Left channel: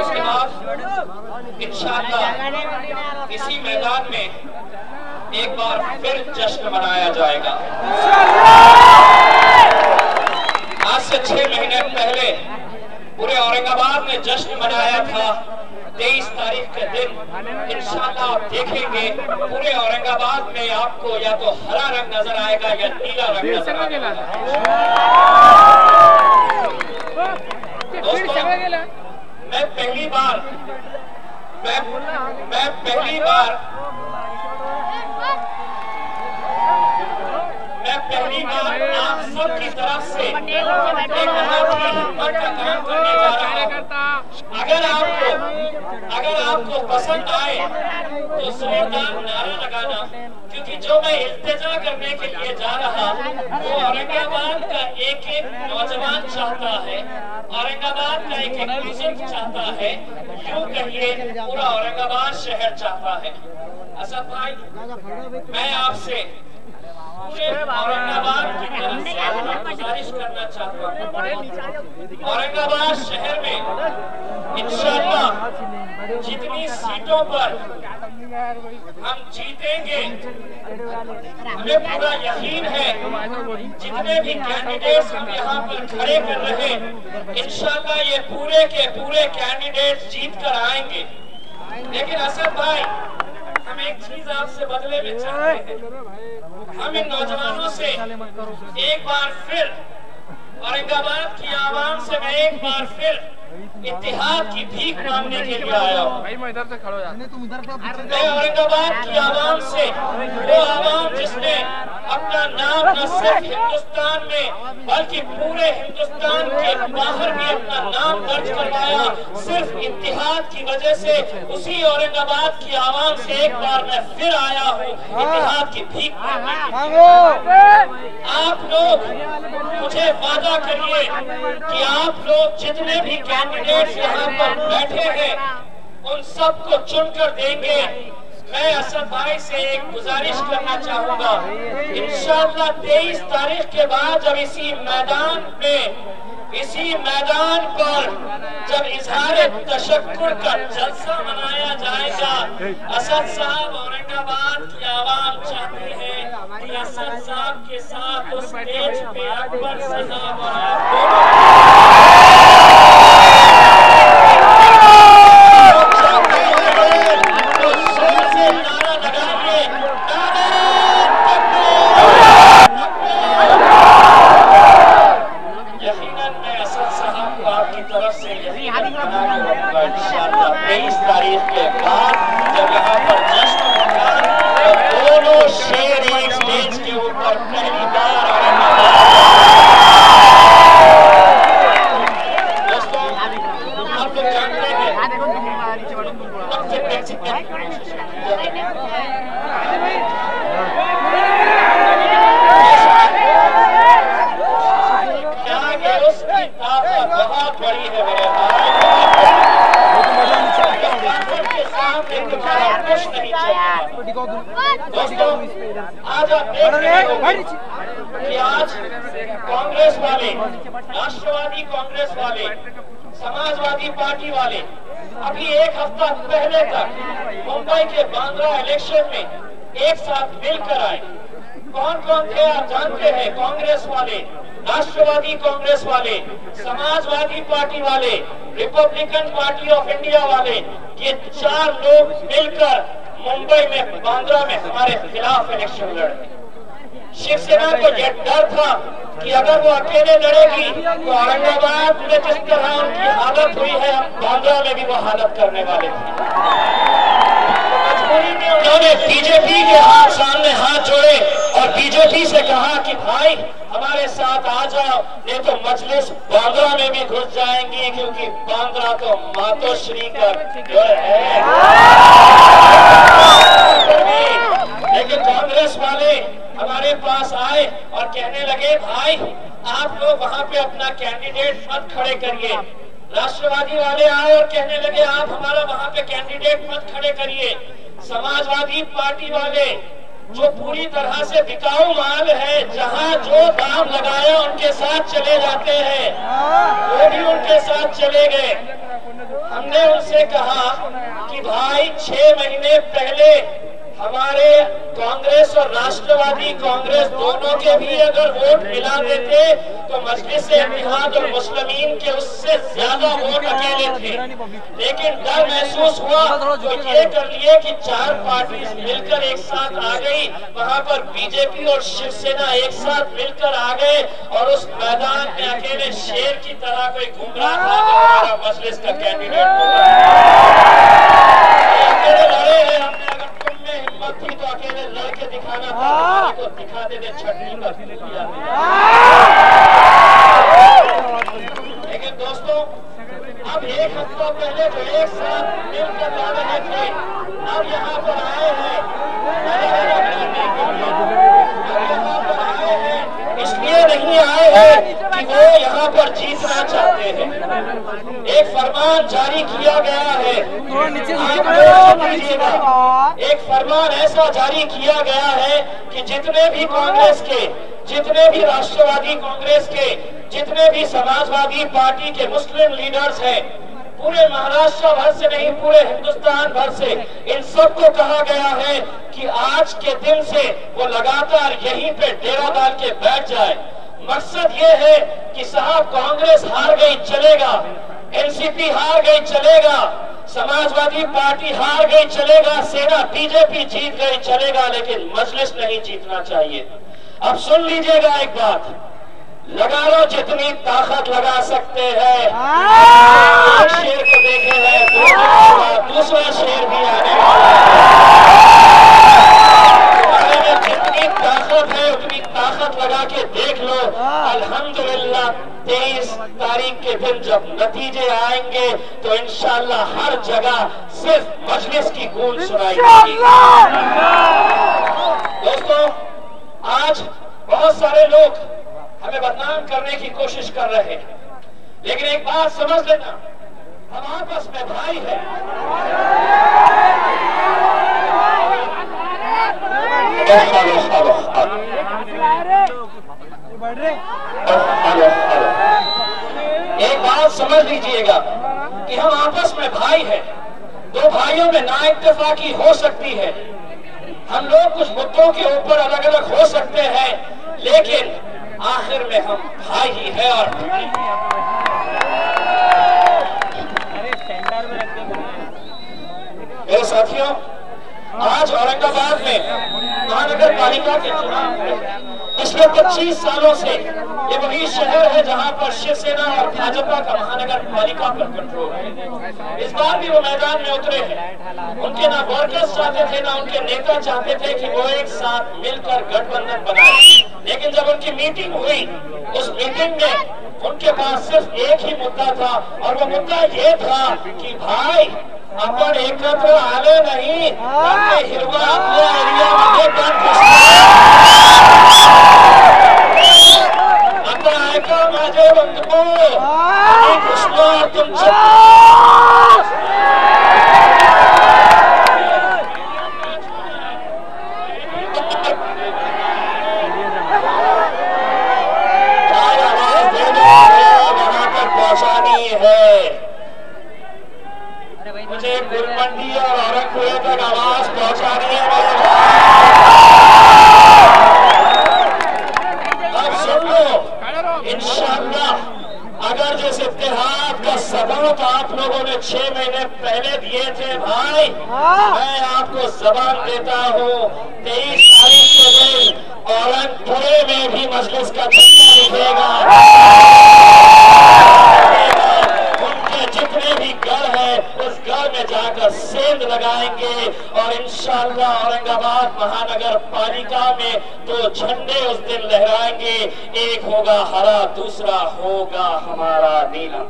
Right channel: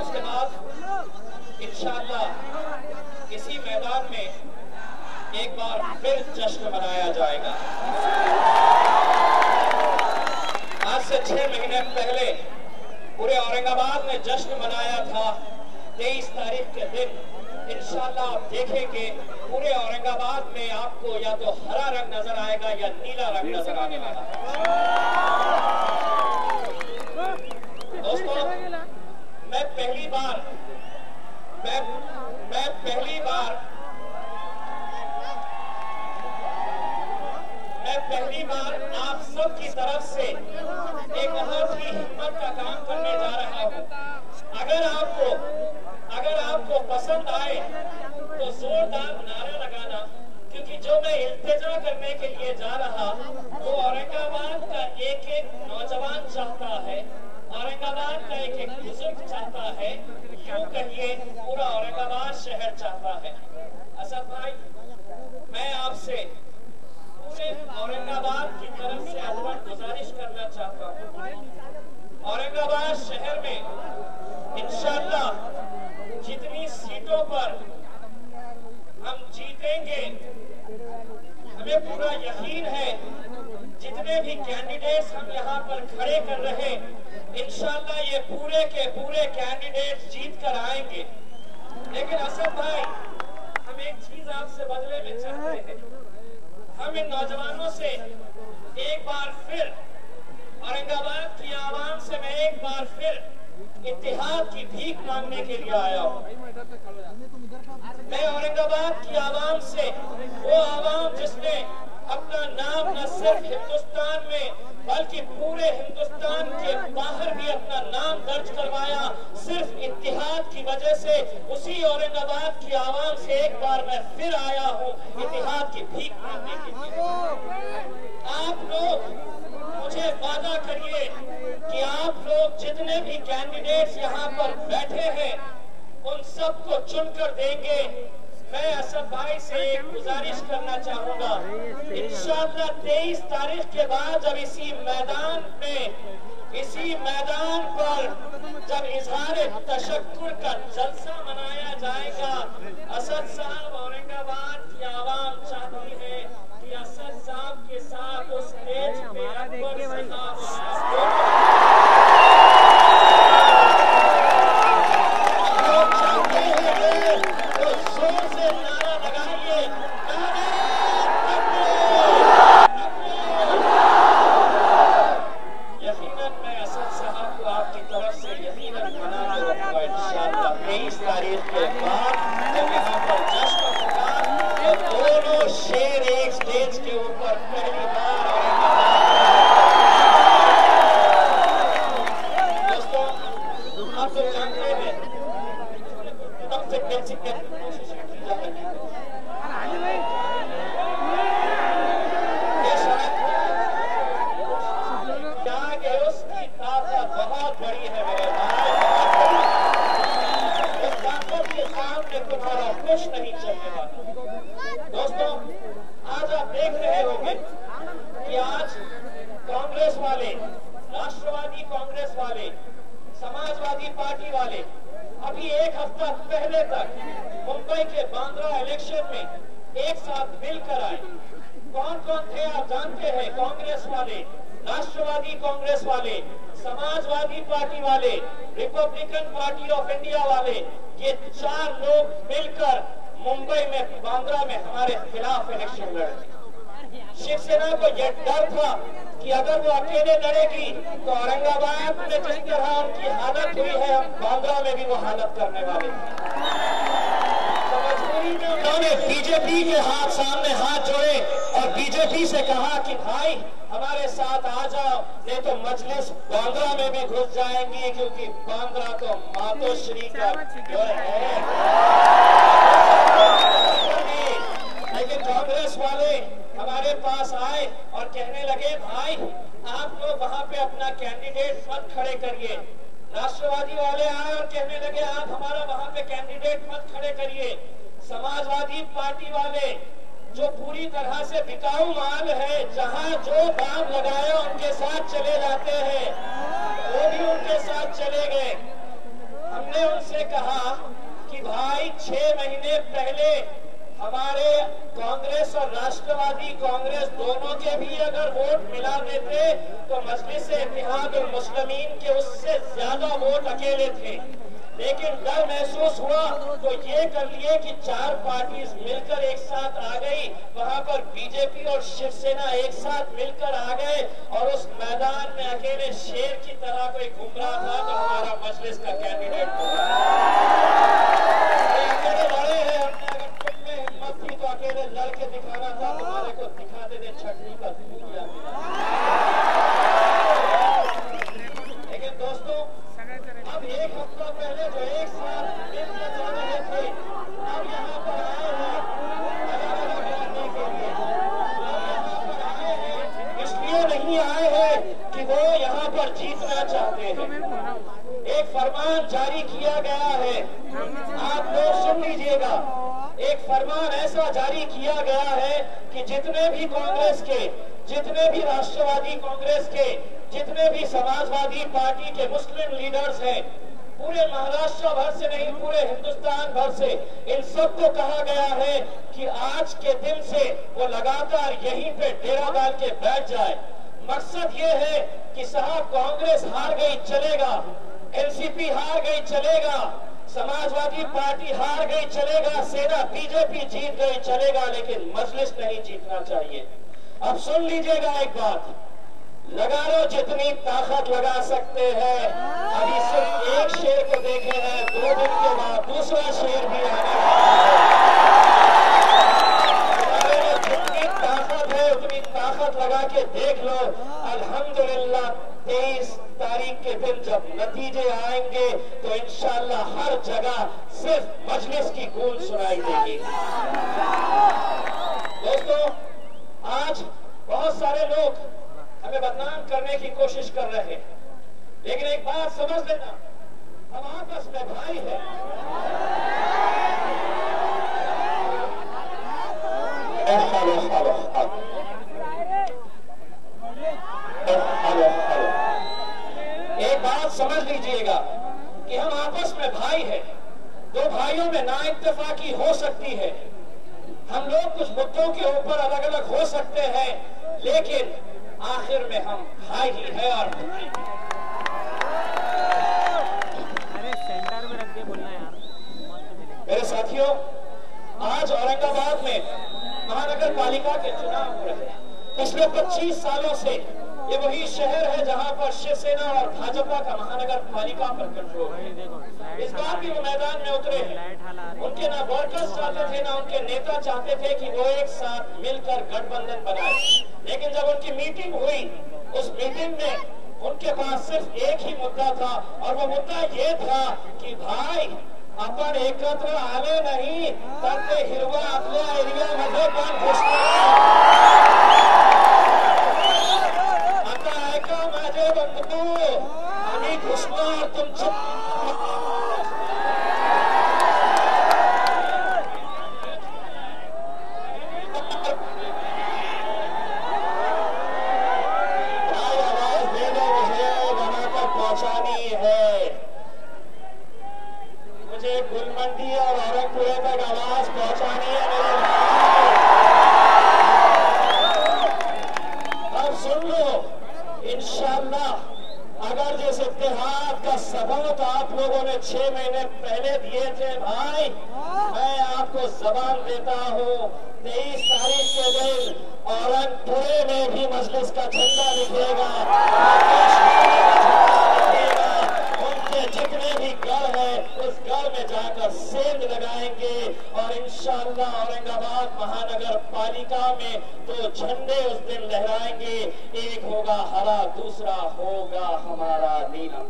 उसके बाद इंशाअल्लाह इसी मैदान में एक बार फिर जश्न मनाया जाएगा। आज से 6 महीने पहले पूरे औरंगाबाद में जश्न मनाया था। 23 तारीख के दिन इंशाअल्लाह आप देखेंगे पूरे औरंगाबाद में आपको या तो हरा रंग नजर आएगा या नीला रंग नजर आएगा। दोस्तों, मैं पहली बार आप सब की तरफ से एक बहुत ही हिम्मत का काम करने जा रहा हूं। अगर आपको पसंद आए तो जोरदार नारा लगाना, क्योंकि जो मैं इल्तिजा करने के लिए जा रहा वो औरंगाबाद का एक एक नौजवान चाहता है, औरंगाबाद का एक एक बुजुर्ग चाहता है, यूं कहिए पूरा औरंगाबाद शहर चाहता है। असद भाई, मैं आपसे पूरे औरंगाबाद की तरफ से गुजारिश करना चाहता हूँ। औरंगाबाद शहर में इंशाअल्लाह जितनी सीटों पर हम जीतेंगे, हमें पूरा यकीन है जितने भी कैंडिडेट्स हम यहाँ पर खड़े कर रहे हैं, इंशाअल्लाह ये पूरे के पूरे कैंडिडेट्स जीत कर आएंगे। लेकिन असद भाई, हम एक चीज आपसे बदले में चाहते हैं। हम इन नौजवानों से एक बार फिर, औरंगाबाद की आवाम से मैं एक बार फिर इत्तेहाद की भीख मांगने के लिए आया हूँ। मैं औरंगाबाद की आवाम से, वो आवाम जिसने अपना नाम न सिर्फ हिंदुस्तान में बल्कि पूरे हिंदुस्तान के बाहर भी अपना नाम दर्ज करवाया, सिर्फ इत्तेहाद की वजह से, उसी औरंगाबाद की आवाम से एक बार मैं फिर आया हूँ इत्तेहाद की भीख मांगने के लिए। आप लोग मुझे वादा करिए कि आप लोग जितने भी कैंडिडेट्स यहाँ पर बैठे हैं उन सबको चुनकर देंगे। मैं असद भाई से एक गुजारिश करना चाहूंगा, इंशाअल्लाह 23 तारीख के बाद जब इसी मैदान पर जब इजहार तशक्कुर का जलसा मनाया जाएगा, असद साहब, औरंगाबाद की आवाम चाहती है कि असद साहब के साथ उस स्टेज पे अकबर साहब और आप कि आज कांग्रेस वाले, राष्ट्रवादी कांग्रेस वाले, समाजवादी पार्टी वाले अभी एक हफ्ता पहले तक मुंबई के बांद्रा इलेक्शन में एक साथ मिलकर आए। कौन कौन थे आप जानते हैं? कांग्रेस वाले, राष्ट्रवादी कांग्रेस वाले, समाजवादी पार्टी वाले, रिपब्लिकन पार्टी ऑफ इंडिया वाले, ये 4 लोग मिलकर मुंबई में बांद्रा में हमारे खिलाफ इलेक्शन लड़े। शिवसेना को यह डर था कि अगर वो अकेले लड़ेगी तो औरंगाबाद में जिस तरह उनकी हालत हुई है, हम बांद्रा में भी वो हालत करने वाले थे। मजबूरी में उन्होंने बीजेपी के सामने हाथ जोड़े और बीजेपी से कहा कि भाई हमारे साथ आ जाओ, नहीं तो मजलिस बांद्रा में भी घुस जाएंगी, क्योंकि बांद्रा तो मातोश्री का है। लेकिन कांग्रेस वाले हमारे पास आए और कहने लगे, भाई आप लोग वहां पे अपना कैंडिडेट मत खड़े करिए। राष्ट्रवादी वाले आए और कहने लगे, आप हमारा वहां पे कैंडिडेट मत खड़े करिए। समाजवादी पार्टी वाले, जो पूरी तरह से बिकाऊ माल है, जहां जो दाम लगाया उनके साथ चले जाते हैं, वो भी उनके साथ चले गए। हमने 6 महीने पहले हमारे कांग्रेस और राष्ट्रवादी कांग्रेस दोनों के भी अगर वोट मिला देते तो मजलिस-ए-इत्तेहाद और मुस्लिमीन के उससे ज्यादा वोट अकेले थे। लेकिन डर महसूस हुआ तो ये कर लिए कि 4 पार्टी मिलकर एक साथ आ गई, वहां पर बीजेपी और शिवसेना एक साथ मिलकर आ गए और उस मैदान में अकेले शेर की तरह कोई घूम रहा था तो हमारा मजलिस का कैंडिडेट होगा। अकेले लड़े हैं हमने, अगर तुम में हिम्मत थी तो अकेले लड़के दिखाना था, तो दिखाते थे छटनी का फिल्म। लेकिन दोस्तों अब एक हफ्ता पहले जो एक साथ मिलकर जा रहे थे अब यहाँ पर आए हैं, इसलिए नहीं आए हैं कि वो यहाँ पर जीतना चाहते हैं। एक फरमान जारी किया गया है, आप लोग सुन लीजिएगा। एक फरमान ऐसा जारी किया गया है कि जितने भी कांग्रेस के, जितने भी राष्ट्रवादी कांग्रेस के, जितने भी समाजवादी पार्टी के मुस्लिम लीडर्स हैं, पूरे महाराष्ट्र भर से नहीं पूरे हिंदुस्तान भर से, इन सबको कहा गया है कि आज के दिन से वो लगातार यहीं पे डेरा डाल के बैठ जाए। मकसद ये है कि साहब कांग्रेस हार गई चलेगा, एनसीपी हार गई चलेगा, समाजवादी पार्टी हार गई चलेगा, सेना बीजेपी जीत गई चलेगा, लेकिन मजलिस नहीं जीतना चाहिए। अब सुन लीजिएगा एक बात, लगा लो जितनी ताकत लगा सकते हैं। एक शेर को देखे हैं, 2 दिन के बाद दूसरा शेर भी आने वाला है। जितनी ताकत है उतनी ताकत लगा के देख लो। अल्हम्दुलिल्लाह 23 तारीख के दिन जब नतीजे आएंगे तो इंशाअल्लाह हर जगह सिर्फ मजलिस की गूंज सुनाई देगी। दोस्तों आज बहुत सारे लोग हमें बदनाम करने की कोशिश कर रहे हैं, लेकिन एक बात समझ लेना, हम आपस में भाई हैं। एक बात समझ लीजिएगा कि हम आपस में भाई हैं। 2 भाइयों में नाइत्तेफाकी हो सकती है, हम लोग कुछ मुद्दों के ऊपर अलग अलग हो सकते हैं, लेकिन आखिर में हम भाई ही है। और मेरे साथियों, आज औरंगाबाद में महानगर पालिका के चुनाव में पिछले 25 सालों से ये वही शहर है जहां पर शिवसेना और भाजपा का महानगर पालिका पर कंट्रोल है। इस बार भी वो मैदान में उतरे हैं। उनके ना वर्कर्स चाहते थे, ना उनके नेता चाहते थे कि वो एक साथ मिलकर गठबंधन बनाए। लेकिन जब उनकी मीटिंग हुई, उस मीटिंग में उनके पास सिर्फ एक ही मुद्दा था, और वो मुद्दा ये था कि भाई अपन एकत्र आले नहीं, अपने हिरवा अपने एरिया मध्ये पण आता ऐका माझे बंधू, मी घुसलो तुमच्या पहुंचानी है। मुझे गुलमंडी और औरंगपुरे तक आवाज पहुंचानी है मेरे भाई। अब सुन लो, इंशाअल्लाह अगर जिस इत्तेहाद का सबूत आप लोगों ने 6 महीने पहले दिए थे भाई, मैं आपको जबान देता हूँ 23 तारीख के दिन औरंगपुरे में भी मजलिस का झंडा दिखेगा। जितने भी घर है उस घर में जाकर सेंध लगाएंगे और इंशाअल्लाह औरंगाबाद महानगर पालिका में 2 झंडे उस दिन लहराएंगे। एक होगा हरा, दूसरा होगा हमारा नीला।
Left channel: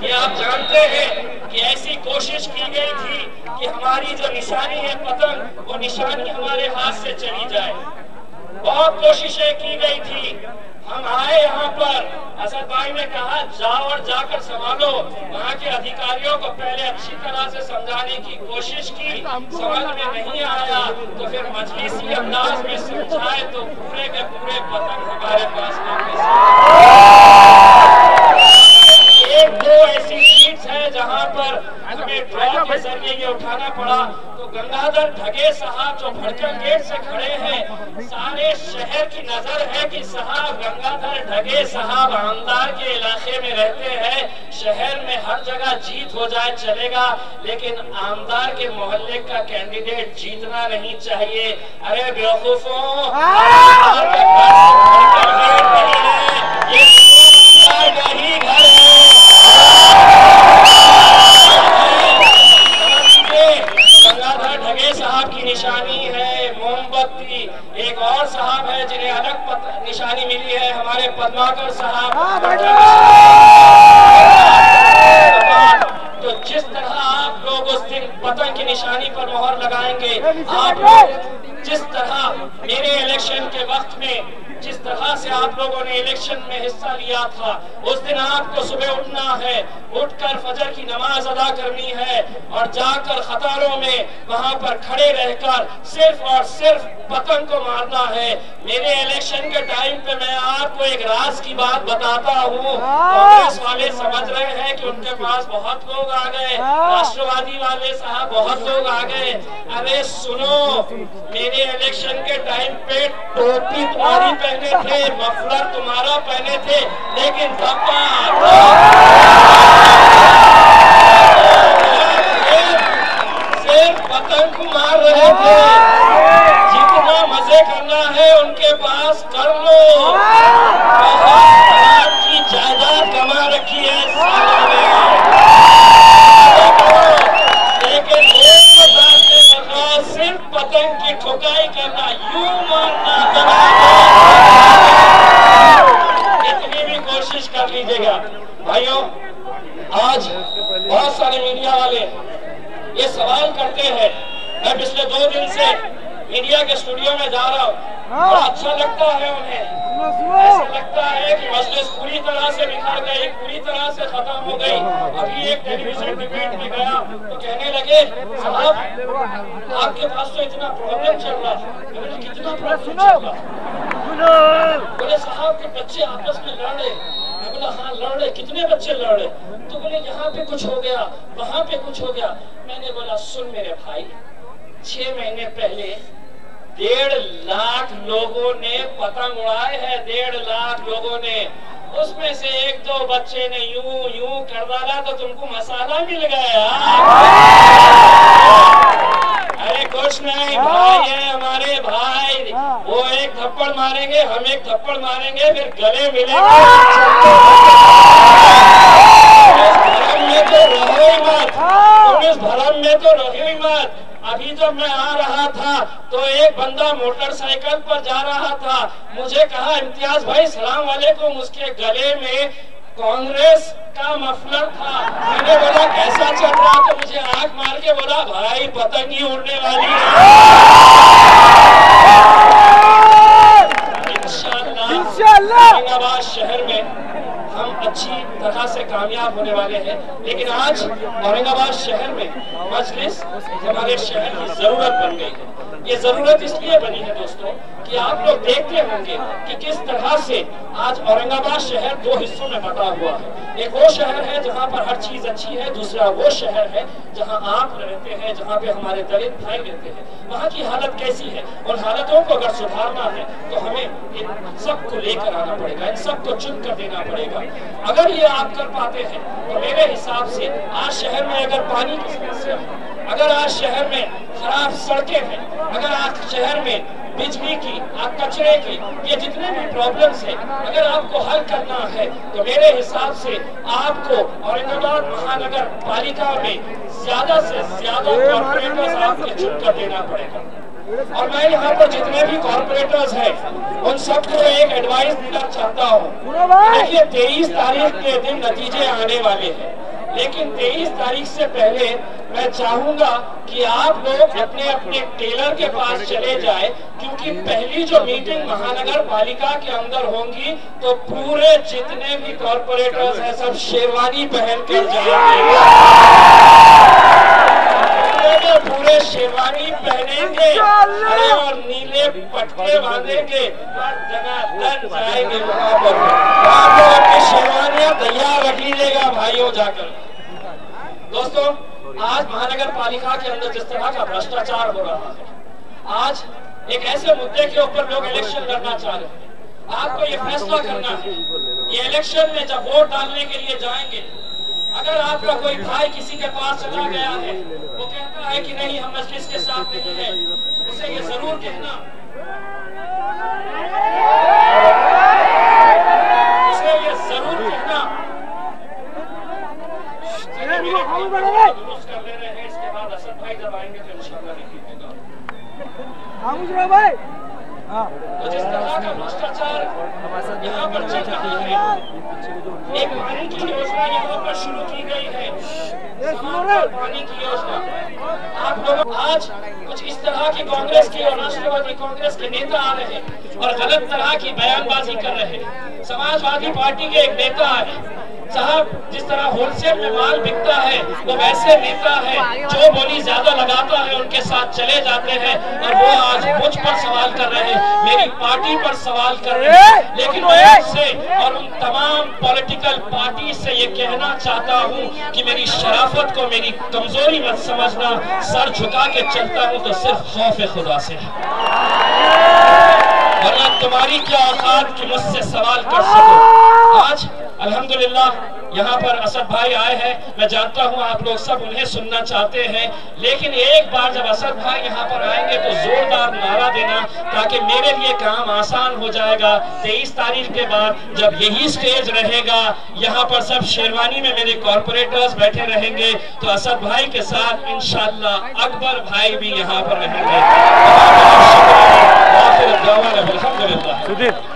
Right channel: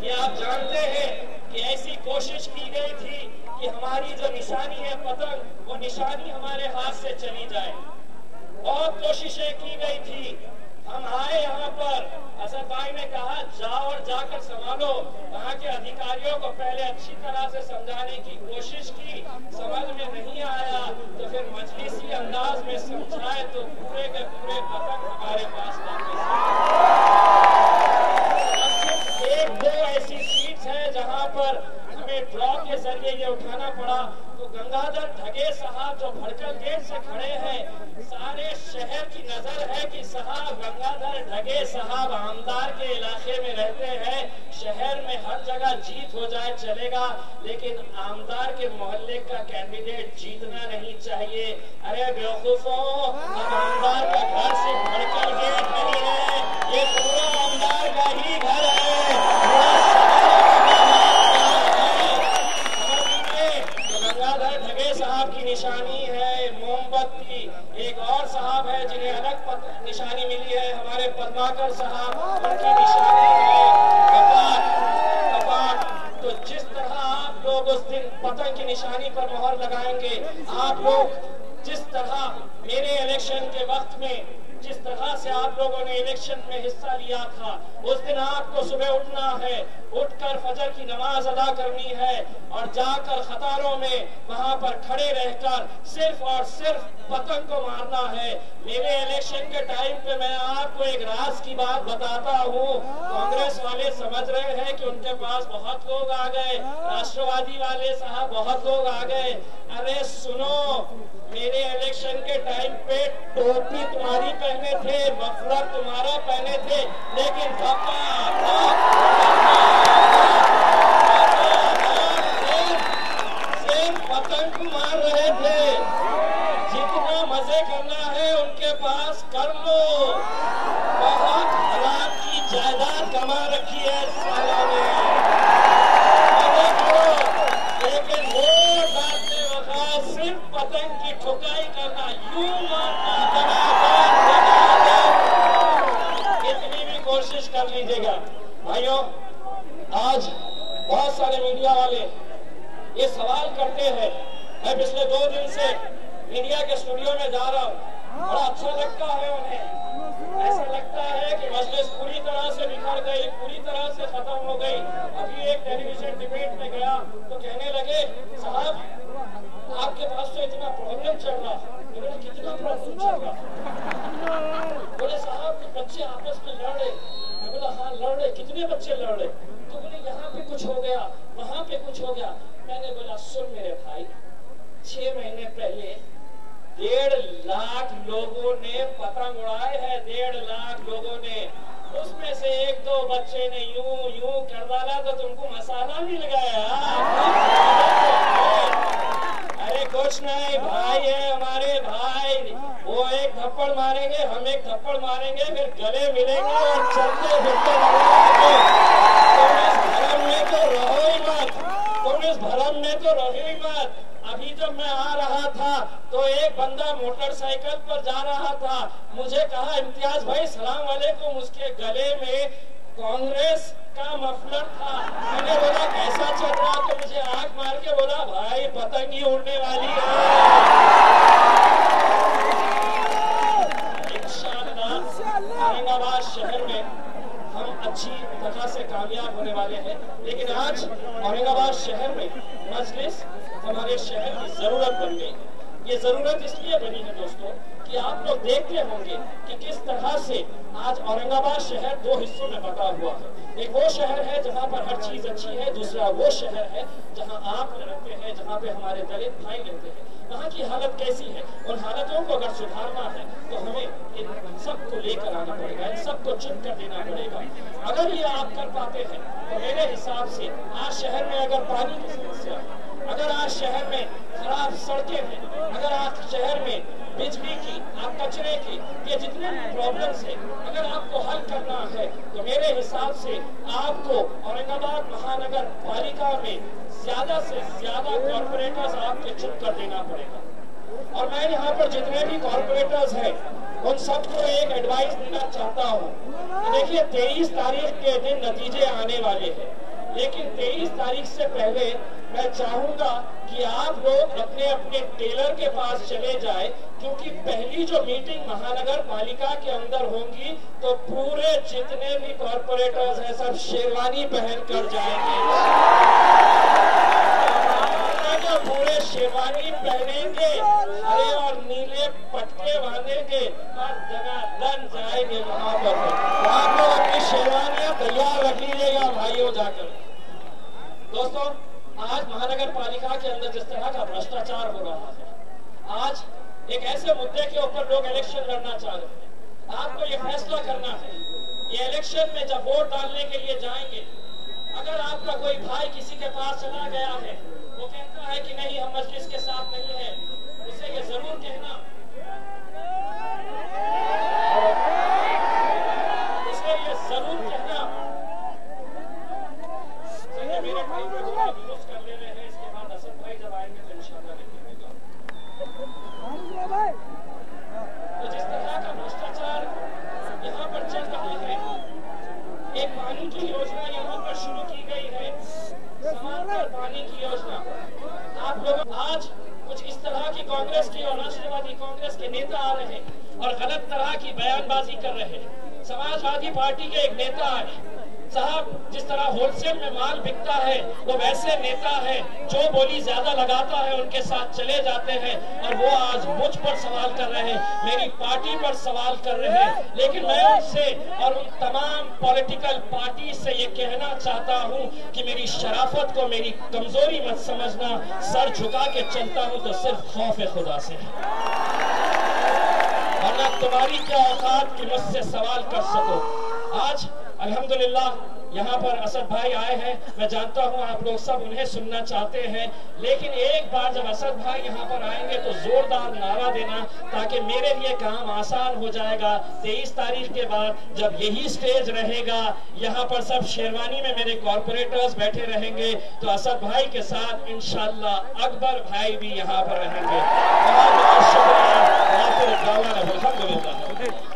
कि आप जानते हैं कि ऐसी कोशिश की गई थी कि हमारी जो निशानी है पतंग, वो निशानी हमारे हाथ से चली जाए। बहुत कोशिशें की गई थी। हम आए यहाँ पर असद भाई ने कहा जाओ और जाकर संभालो। वहाँ के अधिकारियों को पहले अच्छी तरह से समझाने की कोशिश की, समझ में नहीं आया तो फिर मजलिसी अंदाज में समझाए तो पूरे के पूरे पतंग हमारे पास एक दो ऐसी सीट्स है जहाँ पर हमें ड्रॉ के जरिए ये उठाना पड़ा। तो गंगाधर ढगे साहब जो भड़कन गेट से खड़े हैं, सारे शहर की नजर है कि साहब गंगाधर ढगे साहब आमदार के इलाके में रहते हैं। शहर में हर जगह जीत हो जाए चलेगा, लेकिन आमदार के मोहल्ले का कैंडिडेट जीतना नहीं चाहिए। अरे बेवकूफों, आमदार का घर से भड़कन गेट नहीं है, ये पूरा आमदार का ही घर है। गंगाधर ढगे साहब की निशानी है मोमबत्ती। एक और साहब है जिन्हें अलग निशानी मिली है, हमारे पद्माकर साहब। तो जिस तरह आप लोग उस दिन पतंग की निशानी पर मोहर लगाएंगे, आप लोग जिस तरह मेरे इलेक्शन के वक्त में जिस तरह से आप लोगों ने इलेक्शन में हिस्सा लिया था, उस दिन आपको सुबह उठना है, उठकर फजर की नमाज अदा करनी है और जाकर कतारों में वहां पर खड़े रहकर सिर्फ और सिर्फ पतंग को मारना है। मेरे इलेक्शन के टाइम पे मैं आपको एक राज की बात बताता हूँ। कांग्रेस वाले समझ रहे हैं कि उनके पास बहुत लोग आ गए, राष्ट्रवादी वाले साहब बहुत लोग आ गए। अरे सुनो, मेरे इलेक्शन के टाइम पे टोपी तुम्हारी पहने थे, मफलर तुम्हारा पहने थे, लेकिन सिर्फ पतंग को मार रहे थे। जितना मजे करना है उनके पास कर लो। बहुत की जायदाद कमा रखी है सालों में, लेकिन सिर्फ पतंग की ठुकाई करना, यूं मारना, इतनी भी कोशिश कर लीजिएगा। भाइयों, आज बहुत सारे मीडिया वाले ये सवाल करते हैं। मैं पिछले 2 दिन से मीडिया के स्टूडियो में जा रहा हूँ, बड़ा अच्छा लगता है उन्हें। ऐसा लगता है कि मजलिस पूरी तरह से बिखर गई, पूरी तरह से खत्म हो गई। अभी एक टेलीविजन डिबेट में गया तो कहने लगे, साहब आपके पास तो इतना प्रॉब्लम चल रहा है। मैंने कितना प्रॉब्लम चल रहा है? बोले साहब के बच्चे आपस में लड़ रहे। मैं बोला हाँ लड़ रहे, कितने बच्चे लड़ रहे? तो बोले यहाँ पे कुछ हो गया, वहाँ पे कुछ हो गया। मैंने बोला सुन मेरे भाई, 6 महीने पहले 1.5 लाख लोगों ने पतंग उड़ाए हैं, 1.5 लाख लोगों ने। उसमें से 1-2 बच्चे ने यूं यूं कर डाला तो तुमको मसाला मिल गया। अरे कुछ नहीं, भाई है हमारे भाई, वो एक थप्पड़ मारेंगे, हम एक थप्पड़ मारेंगे, फिर गले मिलेंगे। तुम इस भरम में तो रहो ही मत, तुम इस भरम में तो रहो ही मत। अभी जब मैं आ रहा था तो एक बंदा मोटरसाइकिल पर जा रहा था, मुझे कहा इम्तियाज भाई सलाम वालेकुम। उसके गले में कांग्रेस का मफलर था। मैंने बोला कैसा चल रहा? तो मुझे आंख मार के बोला भाई पतंग ही उड़ने वाली है। इंशाअल्लाह औरंगाबाद शहर में हम अच्छी तरह से कामयाब होने वाले हैं। लेकिन आज औरंगाबाद शहर में मजलिस हमारे शहर की जरूरत बन गई है। ये जरूरत इसलिए बनी है दोस्तों कि आप लोग देखते होंगे कि किस तरह से आज औरंगाबाद शहर 2 हिस्सों में बटा हुआ है। एक वो शहर है जहाँ पर हर चीज अच्छी है, दूसरा वो शहर है जहाँ आप रहते हैं, जहाँ पे हमारे दलित भाई रहते हैं। वहाँ की हालत कैसी है? उन हालतों को अगर सुधारना है तो हमें इन सबको लेकर आना पड़ेगा, इन सबको चुन कर देना पड़ेगा। अगर ये आप कर पाते हैं तो मेरे हिसाब से आज शहर में अगर पानी की समस्या है, अगर आज शहर में खराब सड़कें हैं, अगर आज शहर में बिजली की, कचरे की, ये जितने भी प्रॉब्लम्स हैं, अगर आपको हल करना है तो मेरे हिसाब से आपको औरंगाबाद महानगर पालिका में ज्यादा से ज्यादा कॉर्पोरेटर्स आपके चुनकर देना पड़ेगा। और मैं यहाँ पर जितने भी कॉर्पोरेटर्स हैं उन सबको एक एडवाइस देना चाहता हूँ। देखिए 23 तारीख के दिन नतीजे आने वाले हैं। लेकिन 23 तारीख से पहले मैं चाहूंगा कि आप लोग अपने अपने टेलर के पास चले जाए, क्योंकि पहली जो मीटिंग महानगर पालिका के अंदर होंगी तो पूरे जितने भी कॉर्पोरेटर्स हैं सब शेरवानी पहन कर जाएंगे। पूरे शेरवानी पहनेंगे और नीले पटके बांधेंगे और जनार्दन जाएंगे वहां पर। आप लोग अपनी शेरवानियां तैयार रख लीजिएगा भाइयों जाकर। दोस्तों, आज महानगर पालिका के अंदर जिस तरह का भ्रष्टाचार हो रहा है, आज एक ऐसे मुद्दे के ऊपर लोग इलेक्शन लड़ना चाह रहे हैं। आपको ये फैसला करना है, ये इलेक्शन में जब वोट डालने के लिए जाएंगे, अगर आपका कोई भाई किसी के पास चला गया है, वो कहता है कि नहीं हम मजलिस के साथ नहीं है, उसे ये जरूर कहना, उसे ये जरूर कहना दुरुस्त कर ले रहे हैं। इसके बाद असद भाई जब आएंगे तो इंशाल्लाह नहीं होगा। तो जिस तरह का भ्रष्टाचार यहाँ पर चल रहा है, एक पानी की योजना यहाँ पर शुरू की गई है, पानी की योजना। आप लोग आज कुछ इस तरह की कांग्रेस की और राष्ट्रवादी कांग्रेस के नेता आ रहे हैं और गलत तरह की बयानबाजी कर रहे हैं। समाजवादी पार्टी के एक नेता है साहब, जिस तरह होलसेल में माल बिकता है वो वैसे नेता है जो बोली ज्यादा लगाता है उनके साथ चले जाते हैं, और वो आज मुझ पर सवाल कर रहे हैं, मेरी पार्टी पर सवाल कर रहे हैं। लेकिन मैं उससे और उन तमाम पॉलिटिकल पार्टी से ये कहना चाहता हूँ कि मेरी शराफत को मेरी कमजोरी मत समझना। सर झुका के चलता हूँ तो सिर्फ खौफ खुदा से, वरना तुम्हारी क्या औकात कि मुझसे सवाल कर सको। आज अल्हम्दुलिल्लाह यहाँ पर असद भाई आए हैं, मैं जानता हूँ आप लोग सब उन्हें सुनना चाहते हैं, लेकिन एक बार जब असद भाई यहाँ पर आएंगे तो जोरदार नारा देना, ताकि मेरे लिए काम आसान हो जाएगा। 23 तारीख के बाद जब यही स्टेज रहेगा, यहाँ पर सब शेरवानी में मेरे कॉर्पोरेटर्स बैठे रहेंगे, तो असद भाई के साथ इंशाअल्लाह अकबर भाई भी यहाँ पर रहेंगे। अल्हम्दुलिल्लाह।